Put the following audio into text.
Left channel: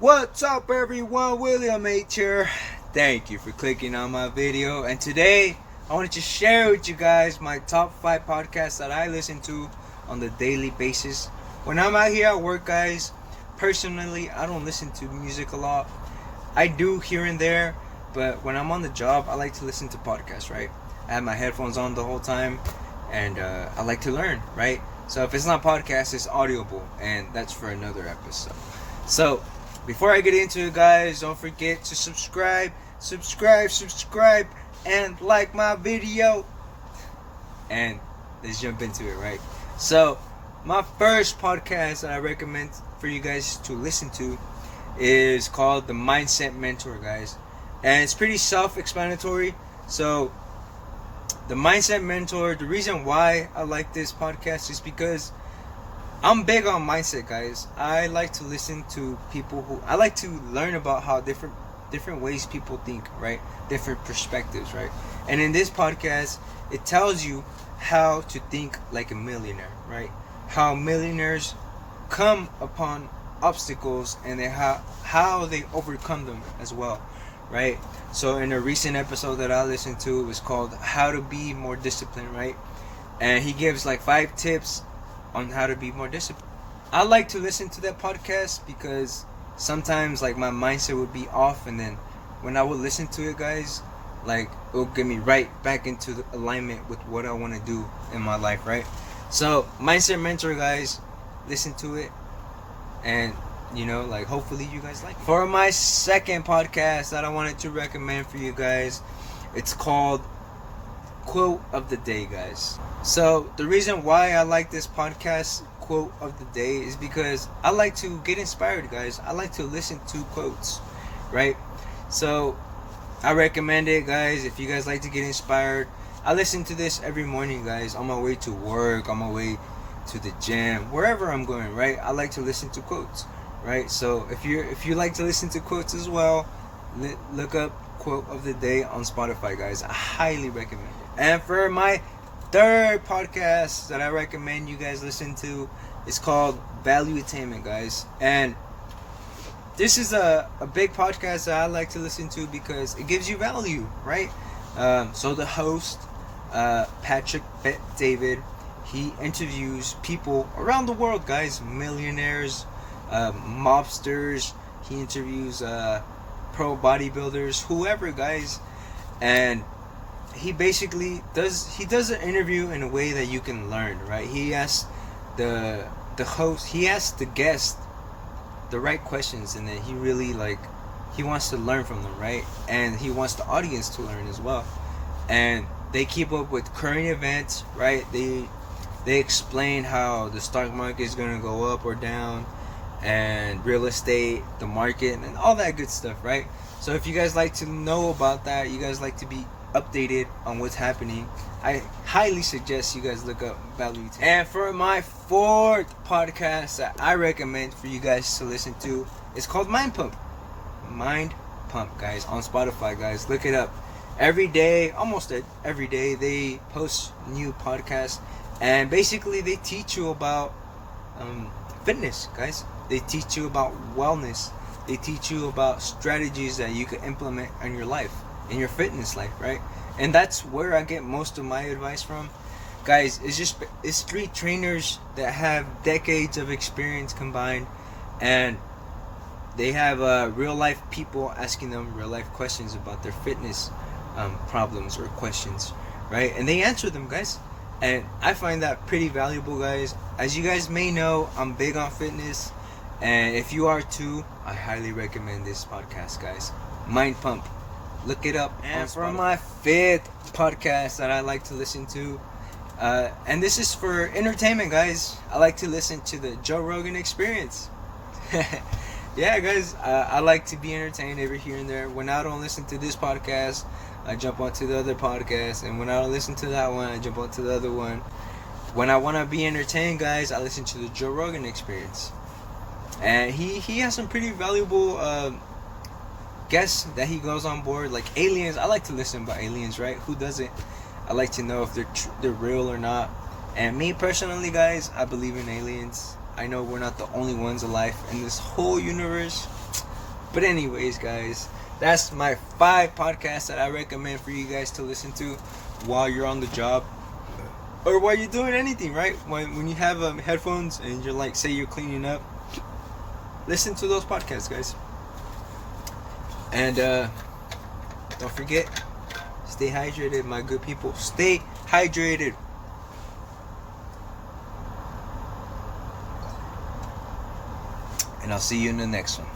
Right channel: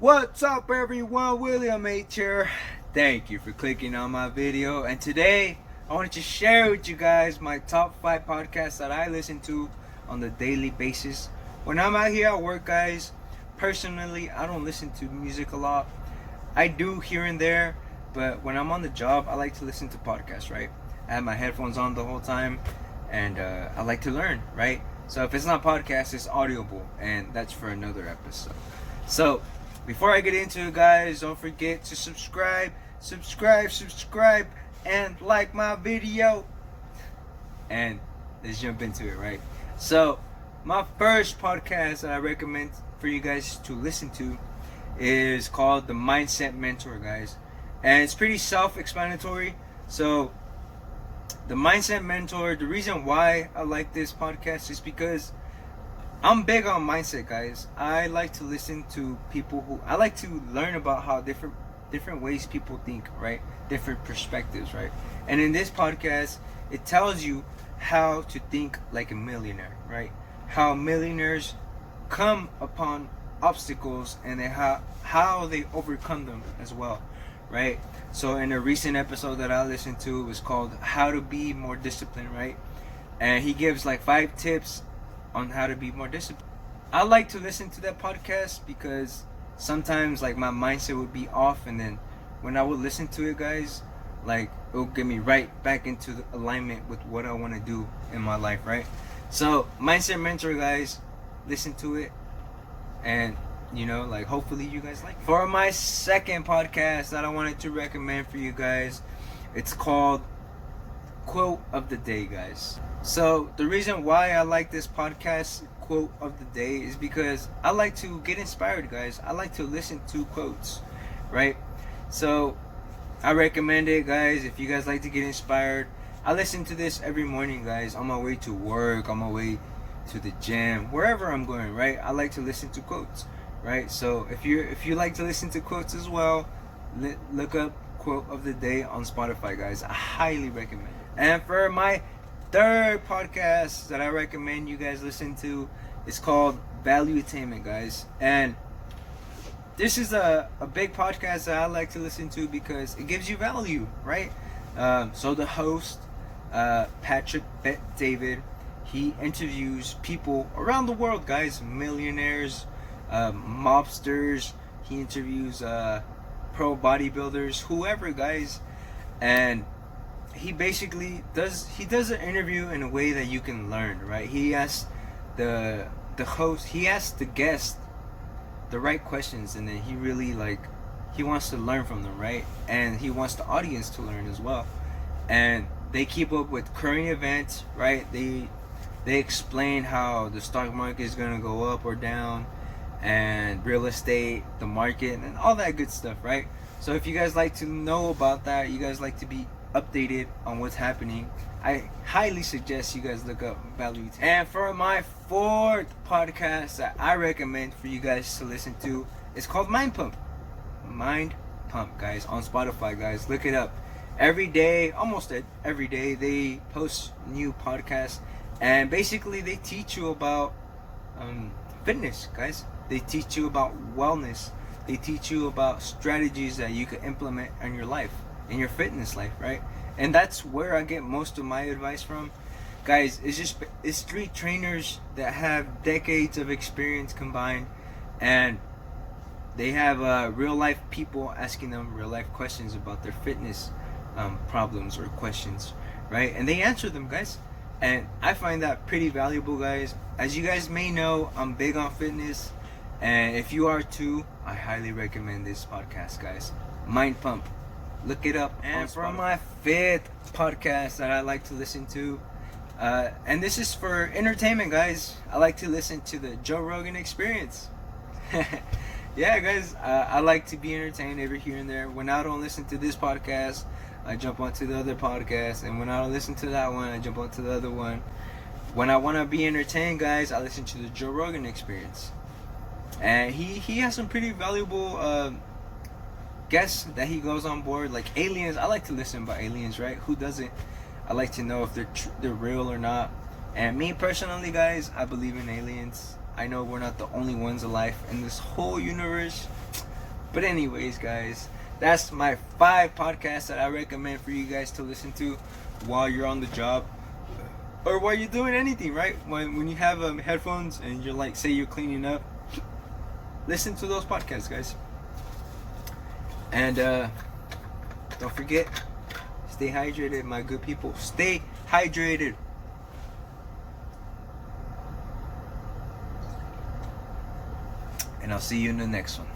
What's up, everyone? William H here. Thank you for clicking on my video. And today, I wanted to share with you guys my top 5 podcasts that I listen to on the daily basis. When I'm out here at work, guys, personally, I don't listen to music a lot. I do here and there, but when I'm on the job, I like to listen to podcasts, right? I have my headphones on the whole time, and I like to learn, right? So if it's not podcast, it's audible, and that's for another episode. So before I get into it, guys, don't forget to subscribe, and like my video. And let's jump into it, right? So my first podcast that I recommend for you guys to listen to is called The Mindset Mentor, guys. And it's pretty self-explanatory. So The Mindset Mentor, the reason why I like this podcast is because I'm big on mindset, guys. I like to listen to people who I like to learn about how different ways people think, right? Different perspectives, right? And in this podcast, it tells you how to think like a millionaire, right? How millionaires come upon obstacles and how they overcome them as well, right? So in a recent episode that I listened to, it was called How to Be More Disciplined, right? And he gives like 5 tips on how to be more disciplined. I like to listen to that podcast because sometimes like my mindset would be off, and then when I would listen to it, guys, like it will get me right back into the alignment with what I want to do in my life, right? So Mindset Mentor, guys, listen to it, and like hopefully you guys like it. For my second podcast that I wanted to recommend for you guys, it's called Quote of the Day, guys. So the reason why I like this podcast, Quote of the Day, is because I like to get inspired, guys. I like to listen to quotes, right? So I recommend it, guys. If you guys like to get inspired, I listen to this every morning, guys, on my way to work, on my way to the gym, wherever I'm going, right? I like to listen to quotes, right? So if you like to listen to quotes as well, look up Quote of the Day on Spotify, guys. I highly recommend it. And for my third podcast that I recommend you guys listen to, it's called Valuetainment, guys. And this is a big podcast that I like to listen to because it gives you value, right? So the host, Patrick David, he interviews people around the world, guys, millionaires, mobsters. He interviews pro bodybuilders, whoever, guys, and he basically does an interview in a way that you can learn, right? He asks the host, he asks the guest the right questions, and then he really he wants to learn from them, right? And he wants the audience to learn as well. And they keep up with current events, right? They explain how the stock market is going to go up or down, and real estate, the market, and all that good stuff, right? So if you guys like to know about that, you guys like to be updated on what's happening, I highly suggest you guys look up Valuetainment. And for my fourth podcast that I recommend for you guys to listen to, it's called MindPump. MindPump, guys, on Spotify, guys. Look it up. Every day, almost every day, they post new podcasts, and basically they teach you about fitness, guys. They teach you about wellness. They teach you about strategies that you can implement in your life, in your fitness life, right? And that's where I get most of my advice from, guys. It's 3 trainers that have decades of experience combined, and they have real life people asking them real life questions about their fitness problems or questions, right? And they answer them, guys. And I find that pretty valuable, guys. As you guys may know, I'm big on fitness, and if you are too, I highly recommend this podcast, guys. MindPump. Look it up. And for my fifth podcast that I like to listen to, and this is for entertainment, guys, I like to listen to the Joe Rogan Experience. Yeah, guys, I like to be entertained every here and there. When I don't listen to this podcast, I jump onto the other podcast, and when I don't listen to that one, I jump onto the other one. When I want to be entertained, guys, I listen to the Joe Rogan Experience. And he has some pretty valuable guests that he goes on board, like aliens. I like to listen about aliens, right? Who doesn't? I like to know if they're real or not. And me personally, guys, I believe in aliens. I know we're not the only ones alive in this whole universe. But anyways, guys, that's my 5 podcasts that I recommend for you guys to listen to while you're on the job or while you're doing anything, right? When you have headphones and you're like, say you're cleaning up, listen to those podcasts, guys. And don't forget, stay hydrated, my good people. Stay hydrated. And I'll see you in the next one.